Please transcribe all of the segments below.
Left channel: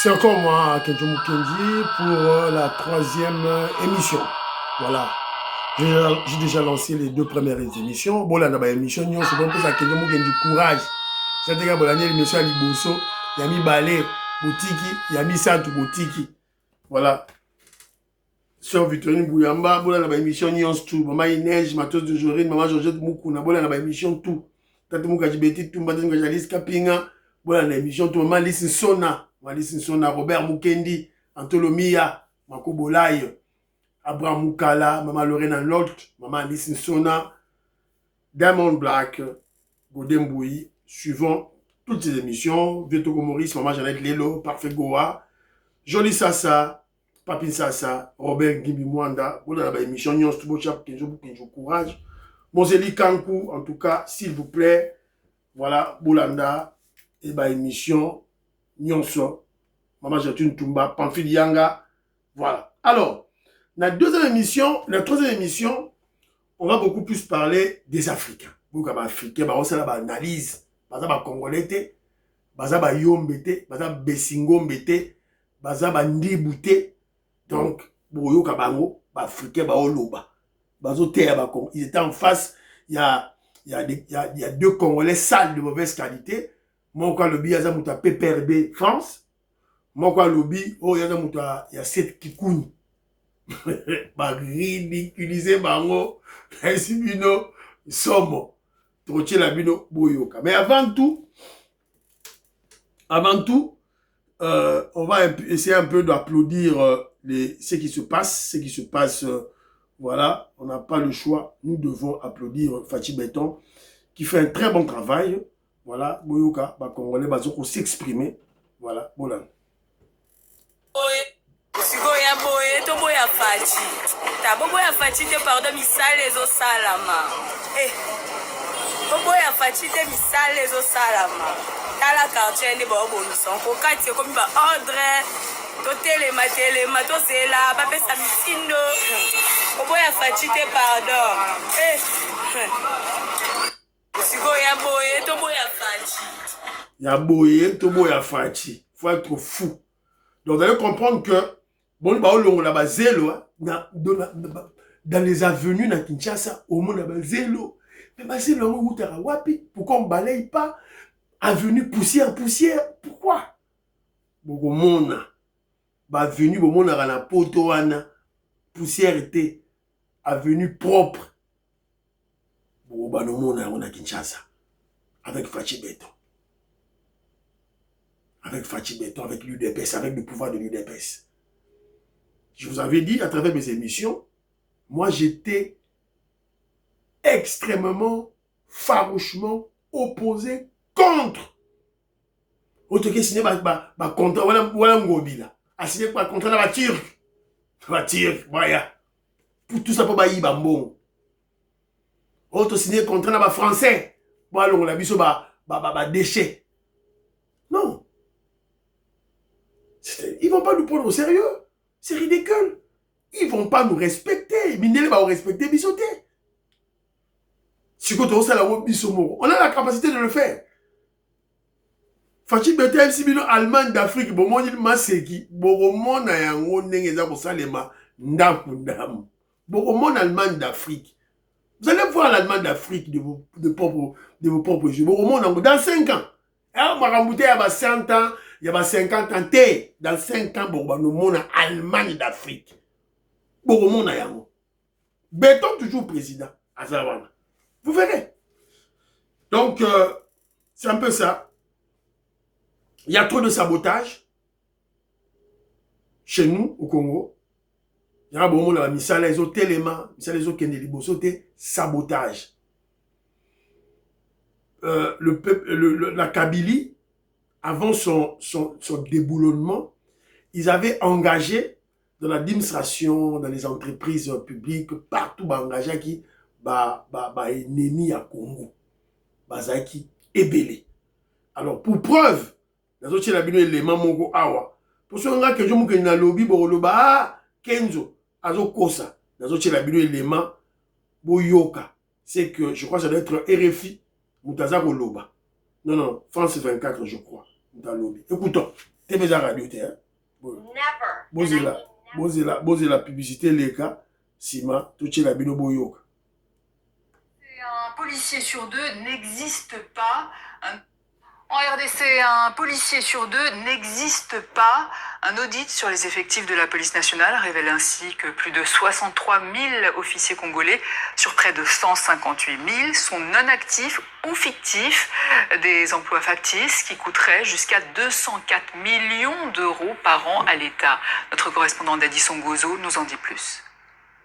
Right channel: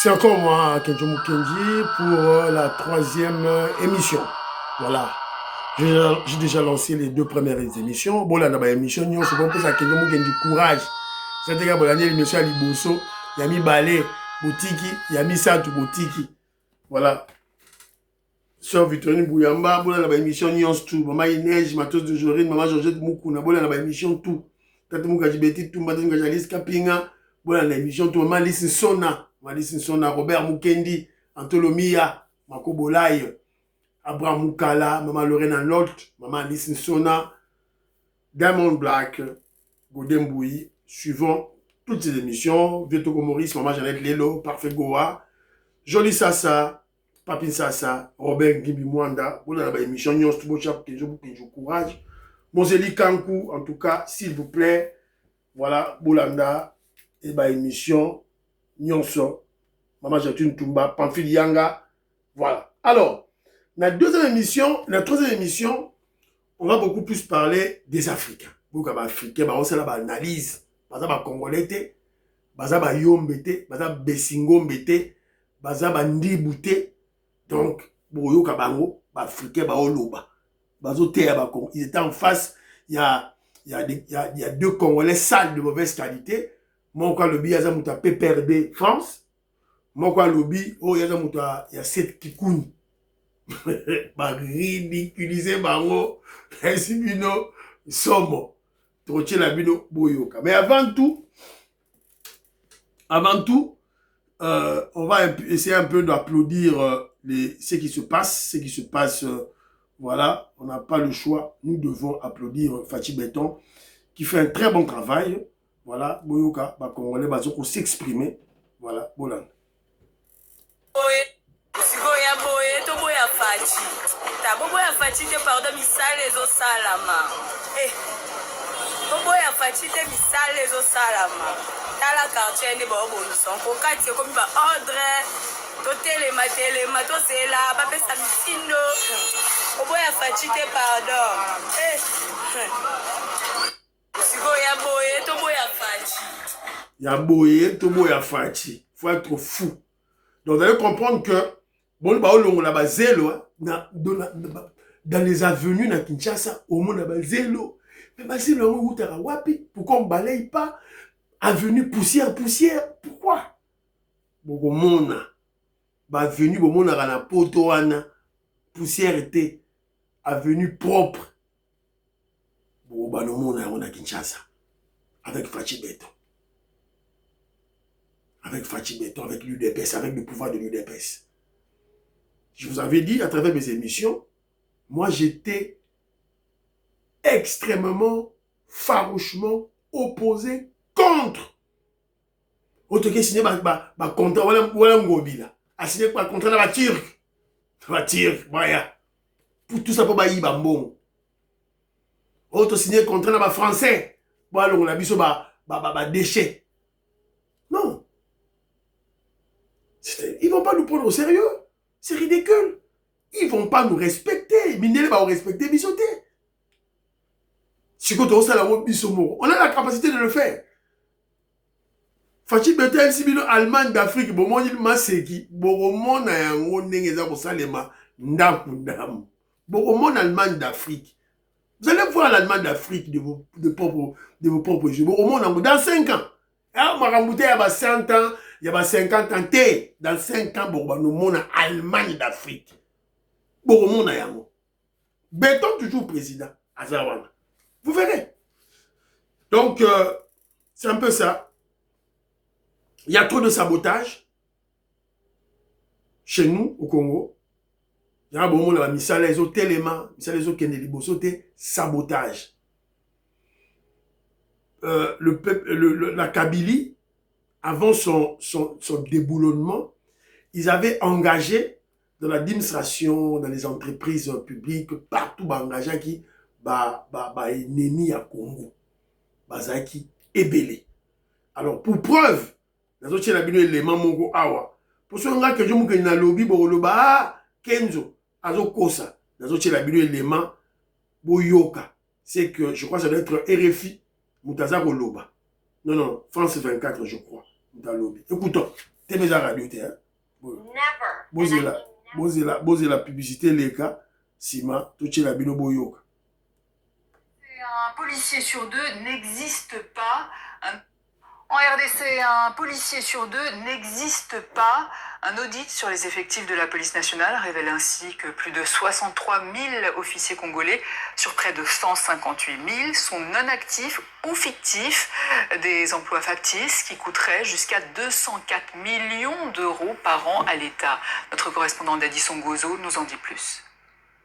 C'est encore moi, Kenjo Mukendi, pour la troisième émission. Voilà. J'ai déjà lancé les deux premières émissions. Bon, là, dans l'émission, nous avons fait ça, Kenjo Mukendi, courage. C'est-à-dire que l'émission à Liboso, il y a mis Balé, Botiki, il y a mis Santu, Botiki. Voilà. Sœur Victorine Bouyamba, bon, là, dans l'émission, nous avons tout. Maman Inès, Matos de Jorine, Maman Georgette Moukouna, bon, là, dans l'émission, tout. Tata Moukadjibeti, tout, Mbatan Gajalis Kapinga, bon, là, dans l'émission, tout. Maman Lissine Sona. Malisi Sona, Robert Mukendi, Antolomia, Mako Bolay, Abraham Mukala, Maman Lorena Lolt, Maman Alice Sona, Diamond Black, Godem Bouyi, suivant toutes ces émissions, Vietoko Maurice, Maman Jeannette Lelo, Parfait Goa, Jolie Sassa, Papine Sassa, Robert Gimbi Mwanda, voilà la émission, Nyons Tubochap, Kenjo Courage, Moseli Kankou, en tout cas, s'il vous plaît, voilà, Boulanda, et bah émission, Nyonso, Maman Jatune Tumba, Pamphile Yanga. Voilà. Alors, la troisième émission, on va beaucoup plus parler des Africains. Beaucoup d'Africains, on va analyse. Par exemple, Congolais, par exemple, Yombete, par exemple, Bessingombete, par exemple, Ndibute. Donc, Boyo Kabango, Africains, Oloba. Ils étaient en face, il y a deux Congolais sales de mauvaise qualité. Moi, quand le billet, il y a PPRB France. Moi, quand lobby, oh, il y a 7 kikouni. Bah, ridiculiser, bango, ainsi bino, somo. Troché la bino, boyoka. Mais avant tout, on va essayer un peu d'applaudir ce qui se passe, voilà, on n'a pas le choix. Nous devons applaudir Fachi Béton, qui fait un très bon travail. Voilà, boyoka, bah, Congolais, bah, s'exprimer. Voilà, Bolan. Boboya faci te pardon misale ezo salama. Boboya faci te misale ezo salama. Tala quartier ni ba obonison ko kati ko mi ba ordre to telema to zela ba pesa misindo. Boboya faci te pardon. Sigo ya boye to boya faci. Ya boye to boya faci. Faut être fou. Donc vous allez comprendre que bon ba olongo la ba zelo dans les avenues na Kinshasa au monde ba zelo mais ba zelo on utara wapi pourquoi on balaye pas avenue poussière pourquoi boko mona ba avenue bo mona na poto wana poussière était avenue propre bo ba no mona on a Kinshasa avec Fachi Béton avec l'UDPS avec le pouvoir de l'UDPS. Je vous avais dit à travers mes émissions, moi j'étais extrêmement, farouchement opposé contre. Autre que signé un contrat, voilà ngobila. A signé un contrat dans la Turque. La Turque, voilà. Pour tout ça pour bailler bambon. Autre signé un contrat dans la français. Voilà, on a vu ça, déchet. Non. Ils vont pas nous prendre au sérieux. C'est ridicule. Ils ne vont pas nous respecter. Minele va nous respecter, bisoté. On a la capacité de le faire. Fachi Béton, si bino Allemagne d'Afrique, bon, moi, il m'a séqui. Bon, mon a yango n'engeza pour salema ndam. Bon, Allemagne d'Afrique. Vous allez voir l'Allemagne d'Afrique de vos propres yeux. Bon, dans 5 ans. On m'a rembouté il y a 100 ans. Il y a 50 ans, dans 5 ans, nous sommes en Allemagne d'Afrique. Nous sommes Béton toujours président. Vous verrez. Donc, c'est un peu ça. Il y a trop de sabotage chez nous, au Congo. Il y a beaucoup de sabotage. La Kabylie, avant son déboulonnement, ils avaient engagé dans l'administration, dans les entreprises publiques, partout, engagé qui ennemi à Congo, qui ébélé. Alors, pour preuve, pour ce que je me dis, lobby, Kenzo, Azokosa, l'élément, Boyoka, c'est que je crois que ça doit être RFI, Moutaza Loba. Non, France 24, je crois. Écoutons. T'es déjà radio, t'es, hein? Bozé la publicité, les cas, Sima, tout est la bino boyoka. Un policier sur deux n'existe pas. En RDC, un policier sur deux n'existe pas. Un audit sur les effectifs de la police nationale révèle ainsi que plus de 63 000 officiers congolais sur près de 158 000 sont non actifs ou fictifs. Des emplois factices qui coûteraient jusqu'à 204 millions d'euros par an à l'État. Notre correspondant Dadisson Gozo nous en dit plus.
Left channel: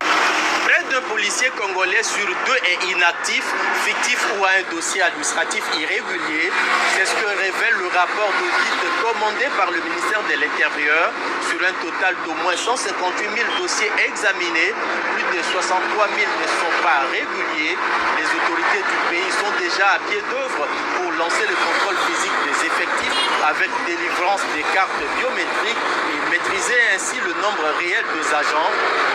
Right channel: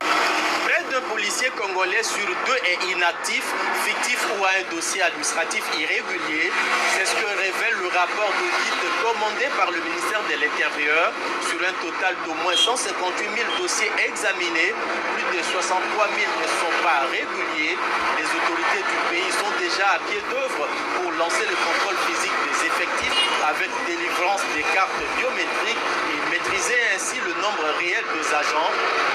Près d'un policier congolais sur deux est inactif, fictif ou a un dossier administratif irrégulier. C'est ce que révèle le rapport d'audit commandé par le ministère de l'Intérieur. Sur un total d'au moins 158 000 dossiers examinés, plus de 63 000 ne sont pas réguliers. Les autorités du pays sont déjà à pied d'œuvre pour lancer le contrôle physique des effectifs avec délivrance des cartes biométriques et maîtriser ainsi le nombre réel des agents.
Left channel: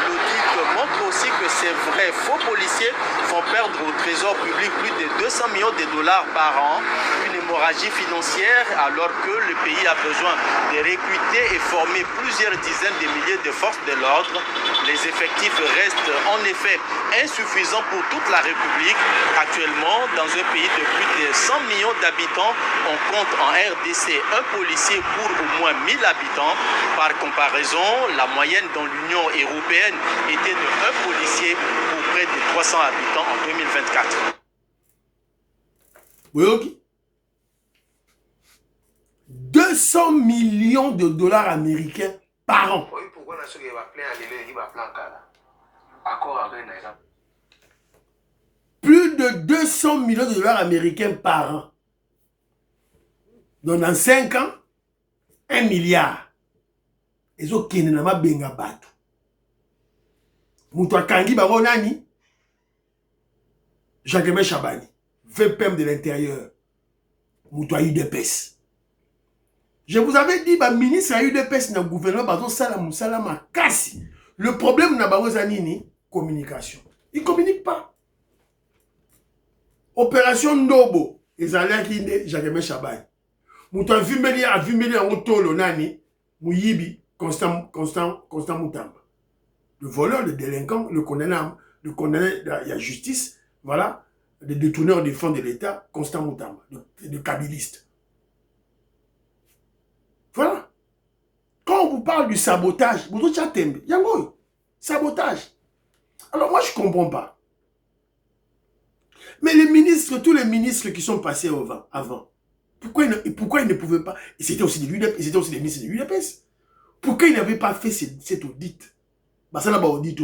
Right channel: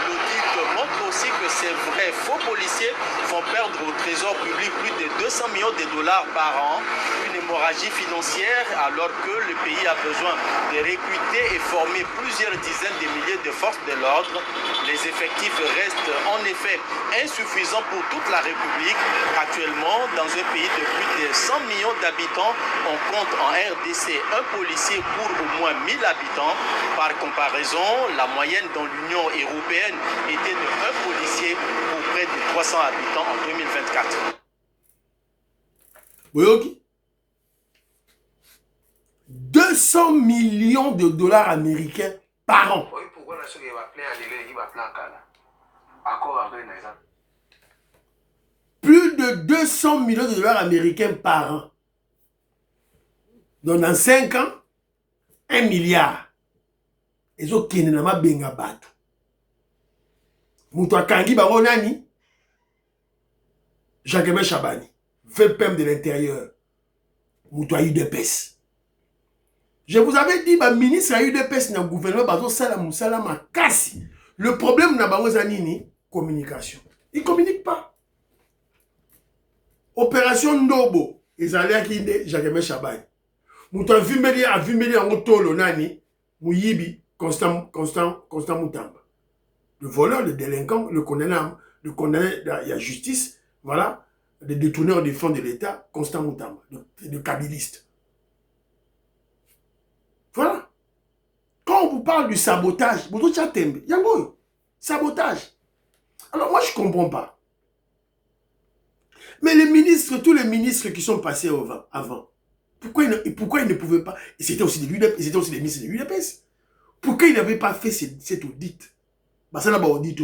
L'audit montre aussi que ces vrais faux policiers font perdre au trésor public plus de 200 millions de dollars par an. Une hémorragie financière alors que le pays a besoin de recruter et former plusieurs dizaines de milliers de forces de l'ordre. Les effectifs restent en effet insuffisants pour toute la République. Actuellement, dans un pays de plus de 100 millions d'habitants, on compte en RDC un policier pour au moins 1000 habitants. Par comparaison, la moyenne dans l'Union européenne était de un policier pour près de 300 habitants en 2024. Oui, 200 millions de dollars américains par an. Plus de 200 millions de dollars américains par an. Donc dans 5 ans, 1 milliard. Et ça, qui n'est pas benga bateau. Moutoua Kangi Babo Nani, Jacques Chabani, VPM de l'Intérieur, Moutoua UDPS. Je vous avais dit, ministre à UDPS dans le gouvernement, Bazo Salam Salama Kassi. Le problème n'a pas Zanini, communication. Il ne communique pas. Opération Ndobo, ils allaient qui Jacques Chabani. Moutoua Vimeli a Vimeli en Otolo Nani, Mouyibi, Constant Moutamba. Le voleur, le délinquant, le condamné à la justice, voilà, le détourneur des fonds de l'État, Constant Moutamba, le kabiliste. Voilà. Quand on vous parle du sabotage, sabotage. Alors moi, je ne comprends pas. Mais les ministres, tous les ministres qui sont passés avant, pourquoi ils ne pouvaient pas, et c'était aussi des ministres de l'UDPS, pourquoi ils n'avaient pas fait cet audit? Ça n'a pas audit.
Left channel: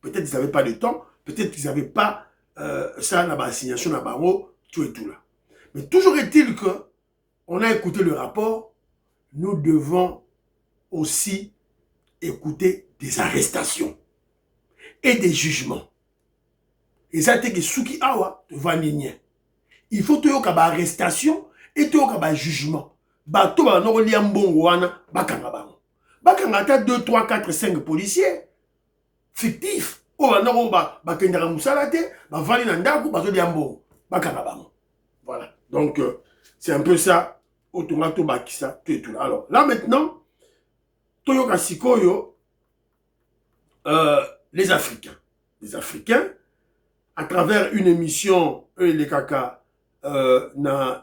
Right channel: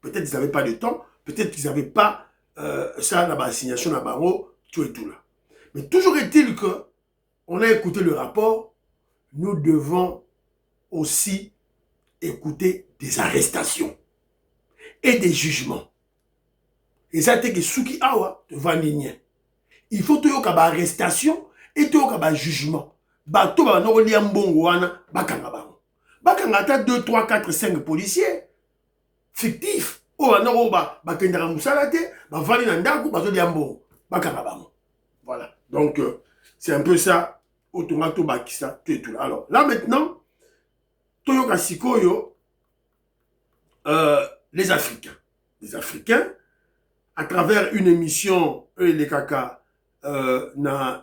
Peut-être qu'ils n'avaient pas de temps, peut-être qu'ils n'avaient pas ça, la assignation, la barreau, tout et tout là. Mais toujours est-il que on a écouté le rapport, nous devons aussi écouter des arrestations et des jugements. Et ça, c'est que Souki Awa, il faut que tu aies arrestation et tu aies jugement. Tu aies un 2, 3, 4, 5 policiers fictifs. Voilà. Donc, c'est un peu ça. Alors, là maintenant, Toyoka Sikoyo, les Africains. Les Africains, à travers une émission, les Kaka, na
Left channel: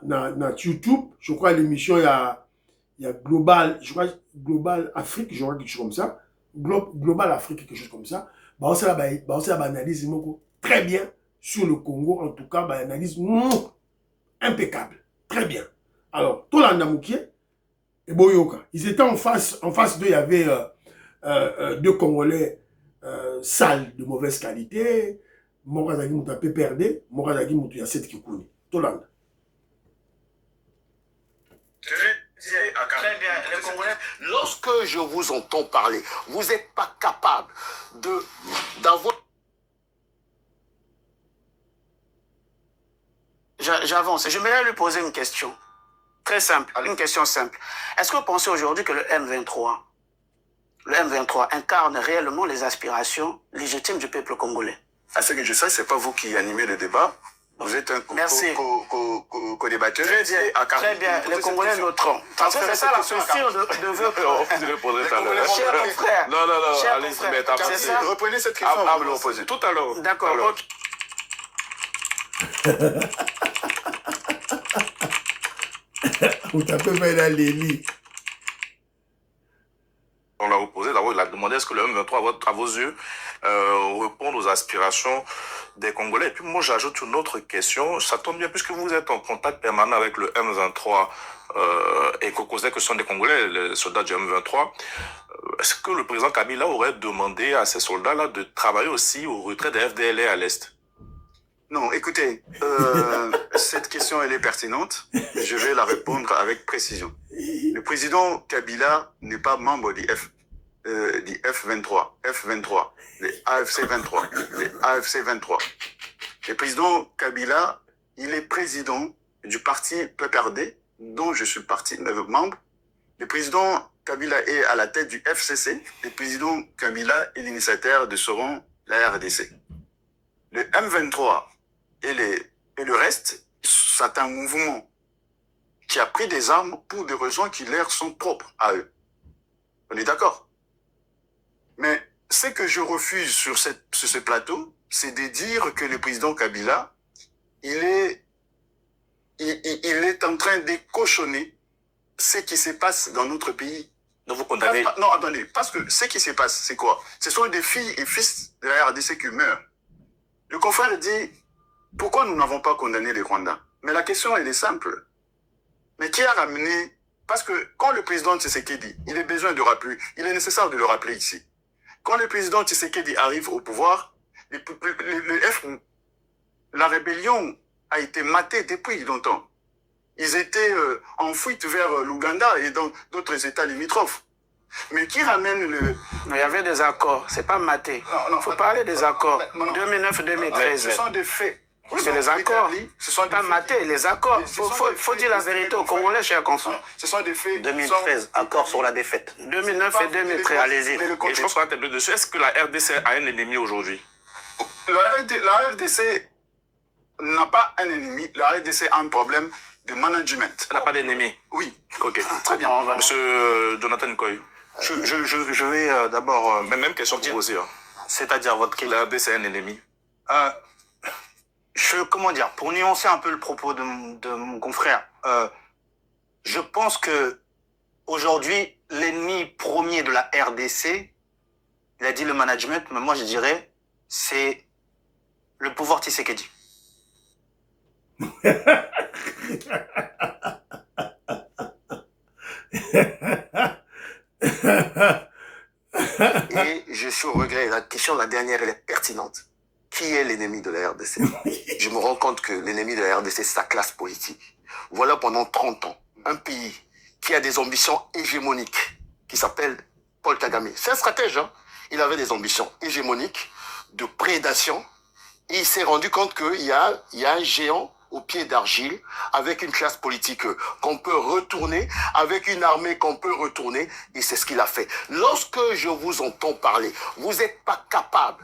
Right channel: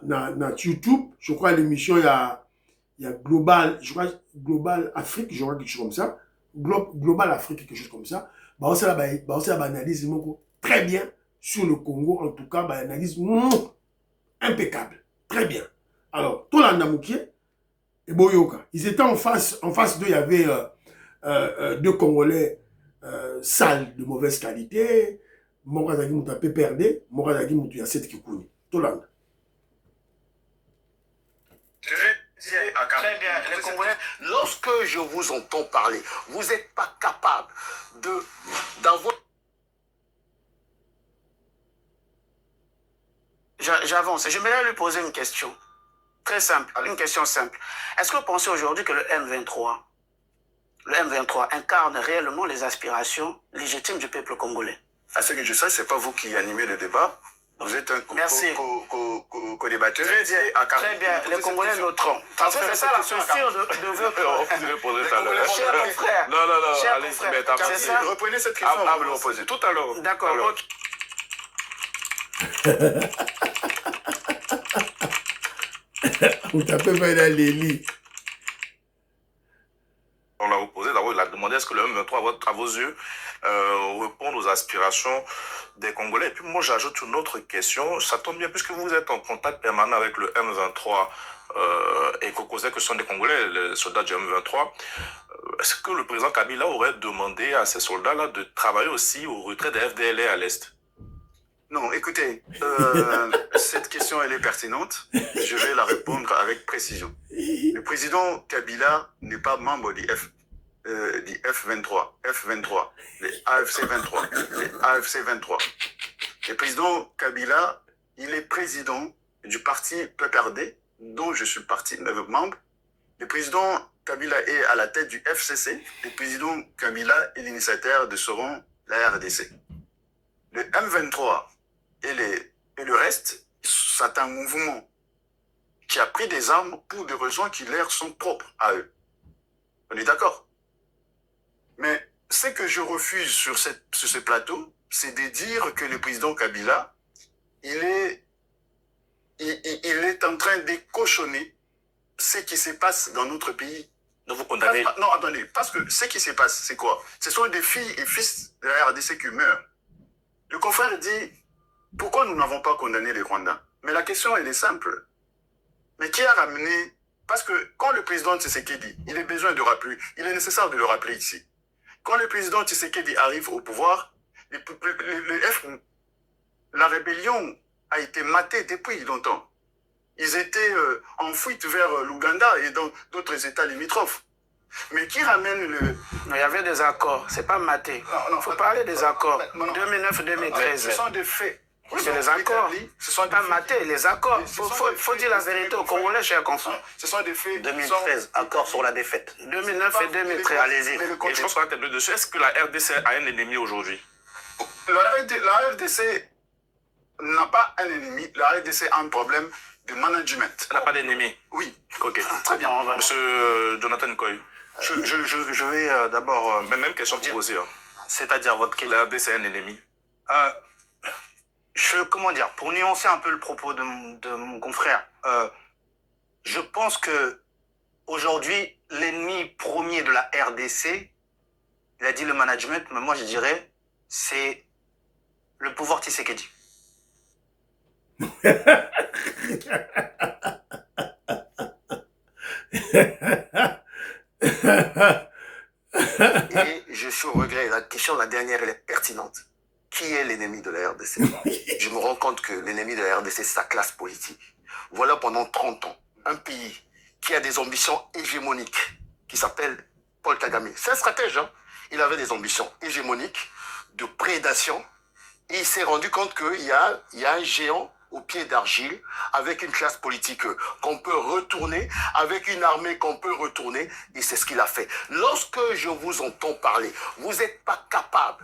YouTube, je crois l'émission, il y a Global, je crois Global Afrique, je crois quelque chose comme ça. Global Afrique, quelque chose comme ça. On s'est analyse très bien sur le Congo, en tout cas, analyse impeccable. Très bien. Alors, Tolanda Moukie et Boyoka, ils étaient en face d'eux, il y avait deux Congolais sales, de mauvaise qualité. Morazagi Mouta peut perdre, Morazagi Mouta y a 7 Kikouni. Tolanda. Très bien. Les Congolais, lorsque je vous entends parler, vous n'êtes pas capable d'avoir... J'avance. Je vais lui poser une question. Très simple. Une question simple. Est-ce que vous pensez aujourd'hui que le M23 incarne réellement les aspirations légitimes du peuple congolais? À ce que je sais, ce n'est pas vous qui animez le débat. Vous êtes un Merci. co-débatteur. Très bien. Les Congolais noteront. Parce que c'est ça la posture de votre... Vous répondrez tout à l'heure. Cher frère. Non, Cher allez-y, frère. mais C'est ça. Reprenez cette question, vous me le reposez. Tout à l'heure. D'accord. Ok. Vous tapez vers la Lélie. On l'a reposé, d'abord il a demandé est-ce que le M23 à vos yeux répond aux aspirations des Congolais. Et puis moi j'ajoute une autre question, ça tombe bien puisque vous êtes en contact permanent avec le M23 et que ce sont des Congolais, les soldats du M23. Est-ce que le président Kabila aurait demandé à ces soldats-là de travailler aussi au retrait des FDLR à l'Est? Non, écoutez, cette question, elle est pertinente. Je vais la répondre avec précision. Le président Kabila n'est pas membre du F23, le AFC 23, le AFC 23. Le président Kabila, il est président du parti PPRD, dont je suis membre. Le président Kabila est à la tête du FCC. Le président Kabila est l'initiateur de ce rang, la RDC. Le M23 et le reste, c'est un mouvement qui a pris des armes pour des raisons qui leur sont propres à eux. On est d'accord? Mais ce que je refuse sur ce plateau, c'est de dire que le président Kabila, il est en train de cochonner ce qui se passe dans notre pays. Donc vous condamnez... Non, attendez, parce que ce qui se passe, c'est quoi? Ce sont des filles et fils de la RDC qui meurent. Le confrère dit, pourquoi nous n'avons pas condamné les Rwandais? Mais la question, elle est simple. Mais qui a ramené... Parce que quand le président Tshisekedi, il est besoin de rappeler, il est nécessaire de le rappeler ici. Quand le président Tshisekedi arrive au pouvoir, la rébellion a été matée depuis longtemps. Ils étaient en fuite vers l'Ouganda et dans d'autres États limitrophes. Mais qui ramène le... Il y avait des accords, c'est pas maté. Il faut parler des accords. 2009-2013. Ce sont des faits. C'est les accords. Ce sont pas maté, les accords. Il faut dire la vérité aux Congolais, cher consort. Ce sont des faits. 2013, accord sur la défaite. 2009 et 2013, allez-y. Et je pense qu'on va terminer dessus. Est-ce que la RDC a un ennemi aujourd'hui? La RDC n'a pas un ennemi. La RDC a un problème de management. Elle n'a pas d'ennemi? Oui. Ok. Très bien. Monsieur Jonathan Koy. Je vais d'abord... même question pour poser. C'est-à-dire votre question. La RDC est un ennemi? Comment dire, pour nuancer un peu le propos de mon confrère, je pense que aujourd'hui, l'ennemi premier de la RDC, il a dit le management, mais moi je dirais, c'est le pouvoir Tshisekedi. Et je suis au regret, la question, la dernière, elle est pertinente. Qui est l'ennemi de la RDC? Je me rends compte que l'ennemi de la RDC, c'est sa classe politique. Voilà pendant 30 ans, un pays qui a des ambitions hégémoniques, qui s'appelle Paul Kagame. C'est un stratège, hein? Il avait des ambitions hégémoniques, de prédation, et il s'est rendu compte qu'il y a un géant au pied d'argile, avec une classe politique qu'on peut retourner, avec une armée qu'on peut retourner, et c'est ce qu'il a fait. Lorsque je vous entends parler, vous n'êtes pas capable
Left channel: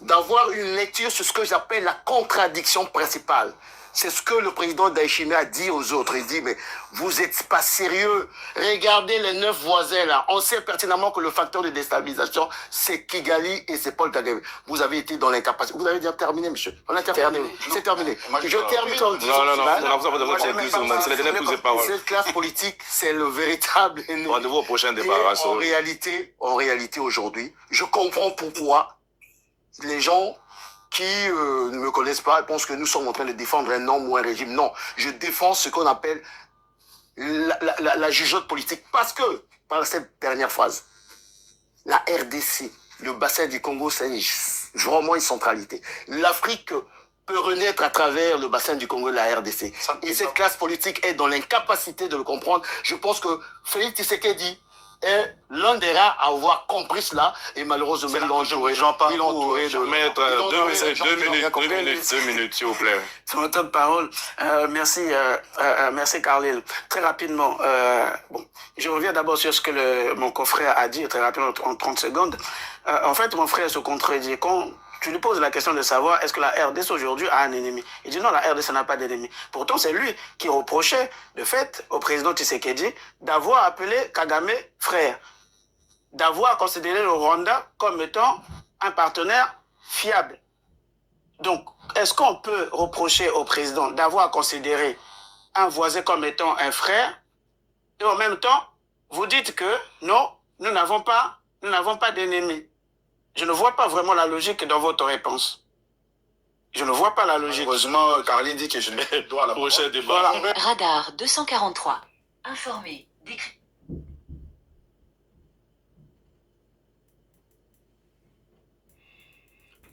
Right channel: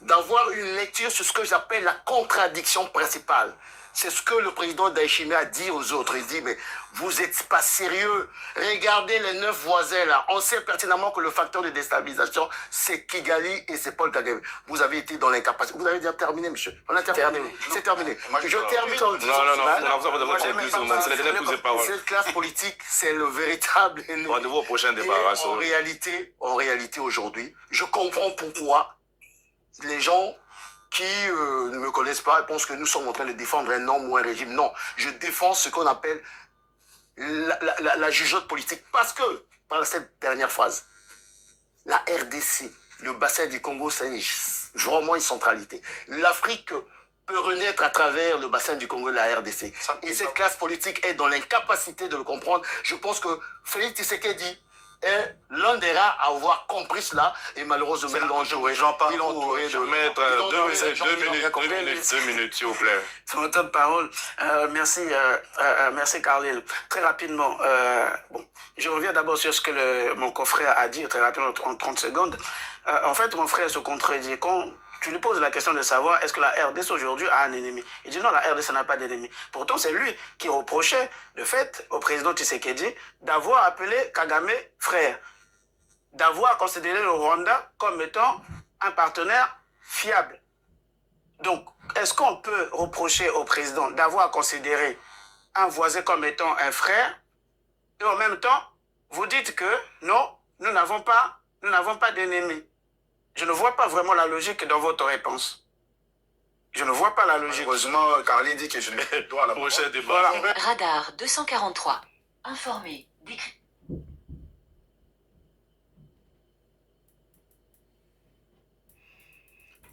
d'avoir une lecture sur ce que j'appelle la contradiction principale. C'est ce que le président Ndayishimiye a dit aux autres. Il dit, mais vous n'êtes pas sérieux. Regardez les 9 voisins là. On sait pertinemment que le facteur de déstabilisation, c'est Kigali et c'est Paul Kagame. Vous avez été dans l'incapacité. Vous avez déjà terminé, monsieur. On a terminé. C'est terminé. Je termine en disant... Non. Cette classe politique, c'est le véritable ennemi. Rendez-vous au prochain débat. En réalité, aujourd'hui, je comprends pourquoi les gens qui ne me connaissent pas pensent que nous sommes en train de défendre un homme ou un régime. Non, je défends ce qu'on appelle la jugeote politique. Parce que, par cette dernière phrase, la RDC, le bassin du Congo, c'est vraiment une centralité. L'Afrique peut renaître à travers le bassin du Congo et la RDC. Et cette classe politique est dans l'incapacité de le comprendre. Je pense que Félix Tshisekedi est l'un des rares à avoir compris cela, et malheureusement, il l'entouré. Il entouré de... Maître, 2 minutes, s'il vous plaît. Sur mon temps de parole, merci Carlyle. Très rapidement, je reviens d'abord sur ce que mon confrère a dit, très rapidement, en 30 secondes. En fait, mon frère se contredit. Quand Tu lui poses la question de savoir est-ce que la RDC aujourd'hui a un ennemi. Il dit non, la RDC n'a pas d'ennemi. Pourtant, c'est lui qui reprochait le fait au président Tshisekedi d'avoir appelé Kagame frère, d'avoir considéré le Rwanda comme étant un partenaire fiable. Donc, est-ce qu'on peut reprocher au président d'avoir considéré un voisin comme étant un frère et en même temps, vous dites que non, nous n'avons pas d'ennemis? Je ne vois pas vraiment la logique dans votre réponse. Je ne vois pas la logique. Heureusement, Caroline dit que je ne dois la Prochain débat. Voilà. Radar 243. Informé. Décrit.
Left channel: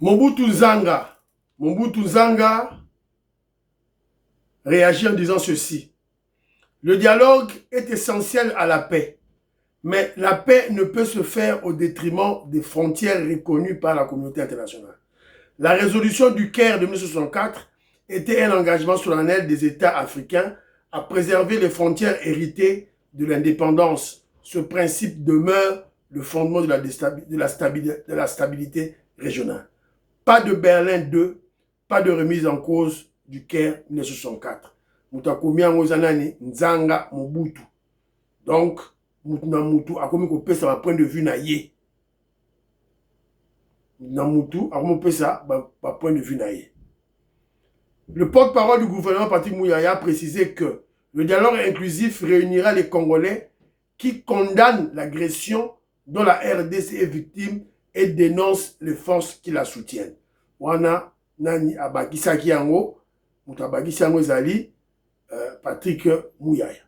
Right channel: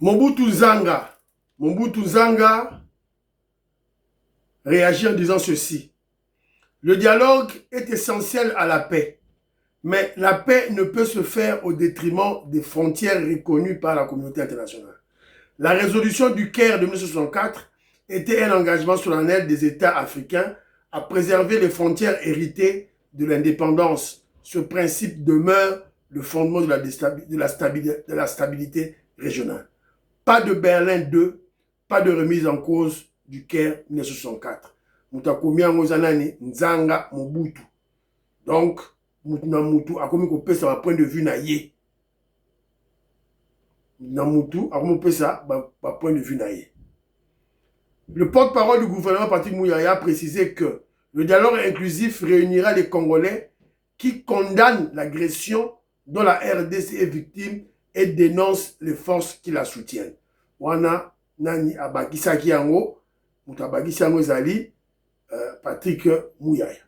Mobutu Nzanga réagit en disant ceci. Le dialogue est essentiel à la paix, mais la paix ne peut se faire au détriment des frontières reconnues par la communauté internationale. La résolution du Caire de 1964 était un engagement solennel des États africains à préserver les frontières héritées de l'indépendance. Ce principe demeure le fondement de la stabilité régionale. Pas de Berlin 2, pas de remise en cause du Caire 1964. Mutakomia ngozanani Nzanga Mobutu. Donc, Mutu akomi ko pesa ba point de vue na ye. Namutu akomi pesa ba point de vue na ye. Le porte-parole du gouvernement Patrick Mouyaya a précisé que le dialogue inclusif réunira les Congolais qui condamnent l'agression dont la RDC est victime et dénonce les forces qui la soutiennent. Wana nani abakisa kiango, mutabakisa yango ezali Patrick Mouyaya.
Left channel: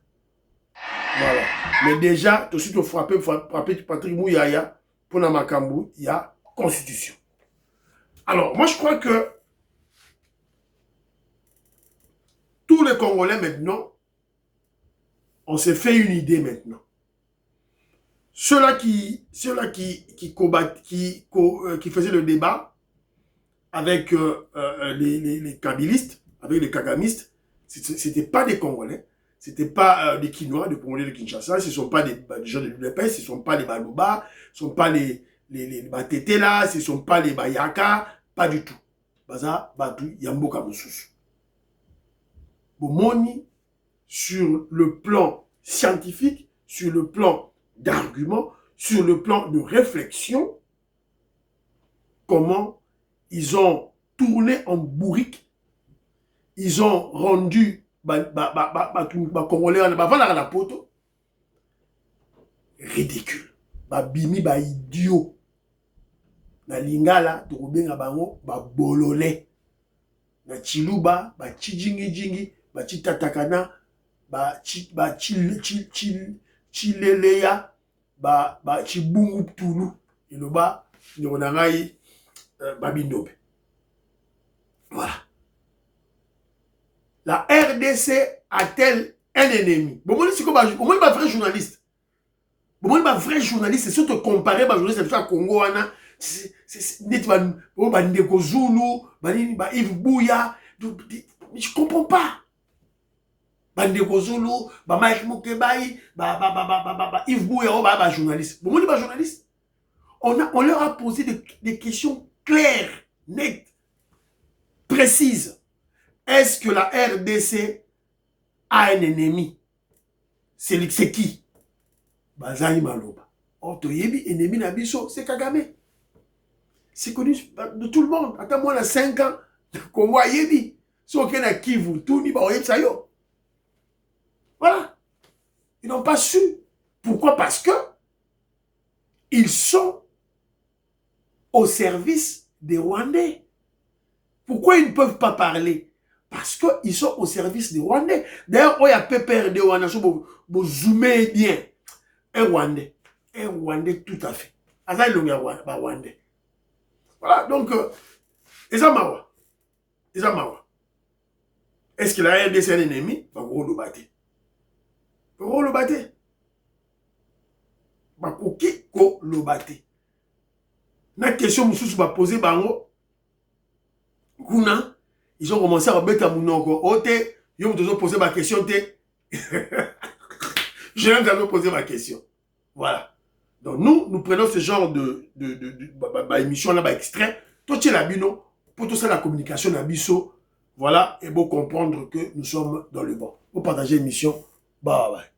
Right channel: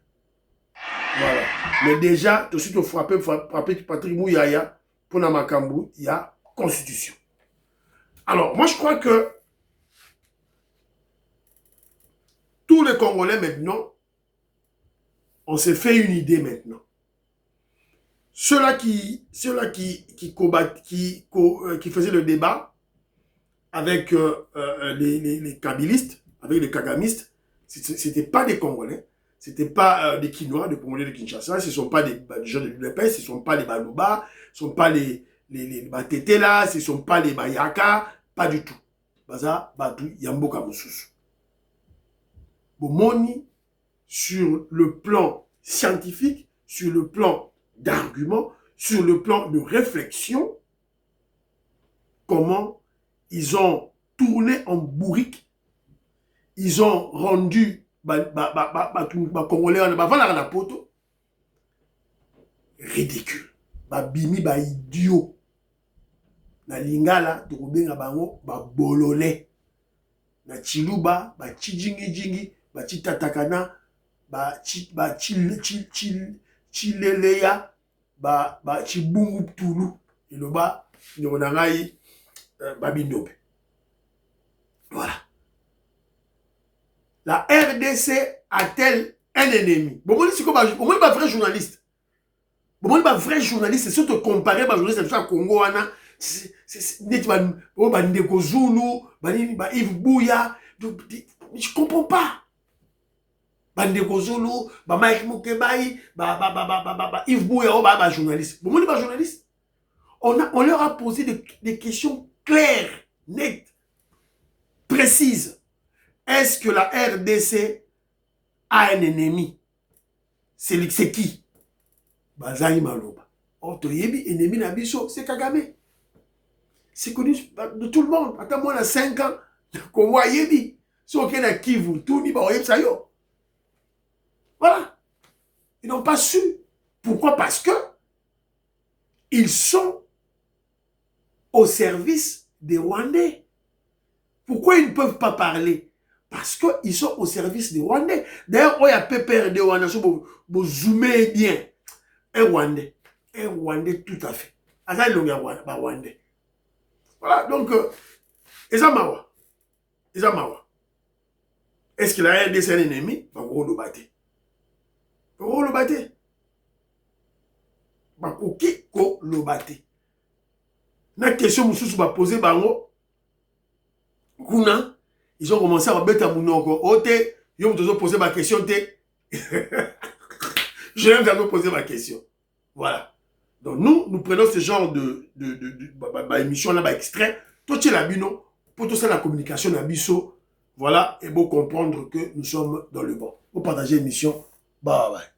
Voilà. Mais déjà, tout de suite, frapper Patrick Mouyaya pour la Makambu, il y a constitution. Alors, moi je crois que tous les Congolais maintenant, on s'est fait une idée maintenant. Ceux-là qui faisaient le débat avec les kabylistes, avec les kagamistes, ce n'étaient pas des Congolais, ce n'étaient pas des Kinois, des Congolais de Kinshasa, ce ne sont pas des gens de l'UDPS, ce ne sont pas les Balouba, ce ne sont pas les Batete là, ce ne sont pas les Bayaka, pas du tout. Baza, Batu, Yamboka Moussous. Bomoni, sur le plan scientifique, sur le plan d'arguments, sur le plan de réflexion, comment ils ont tourné en bourrique, ils ont rendu Congolais ridicule, bimi idiot, na lingala tokobenga bango bololé, na chiluba chijingi chitatakana chileleya chibungu tulu eloba nonangai babindobe. Voilà. La RDC a-t-elle un ennemi? Bon, c'est pas vrai journaliste. Bon, pas vrai journaliste, c'est surtout comparer ma journaliste à Congo, c'est Ndeko Zulu, Yves Bouya. Je comprends pas. Bandeko Zulu, Mike Mokebaï, Yves Bouya, journaliste. Bon, pas journaliste. On leur a posé des questions claires, nettes, précises. Est-ce que la RDC a un ennemi? C'est qui? Bazaï Maloba. Otoyebi, ennemi Nabiso, c'est Kagame. C'est connu de tout le monde. Attends, moi, on a 5 ans. Congo Yebi. Si on a Kivu, tout ni ba Sayo. Voilà. Ils n'ont pas su. Pourquoi? Parce que ils sont au service des Rwandais. Pourquoi ils ne peuvent pas parler? Parce qu'ils sont au service des Rwandais. D'ailleurs, il y a PPRD Rwanda, vous zoomez bien. Un Rwandais tout à fait. Rwandais. Voilà, donc, Ezamawa. Est-ce que la RDC est un ennemi? Le bate. La question que je poser, ils ont commencé à mettre à mon nom. Ils ont posé ma question. Je viens de poser ma question. Voilà. Donc nous prenons ce genre d'émission là, extrait, Toi, tu es la bino, pour tout ça, la communication, la biso, voilà, et pour comprendre que nous sommes dans le bon. Pour partager l'émission, bye bye.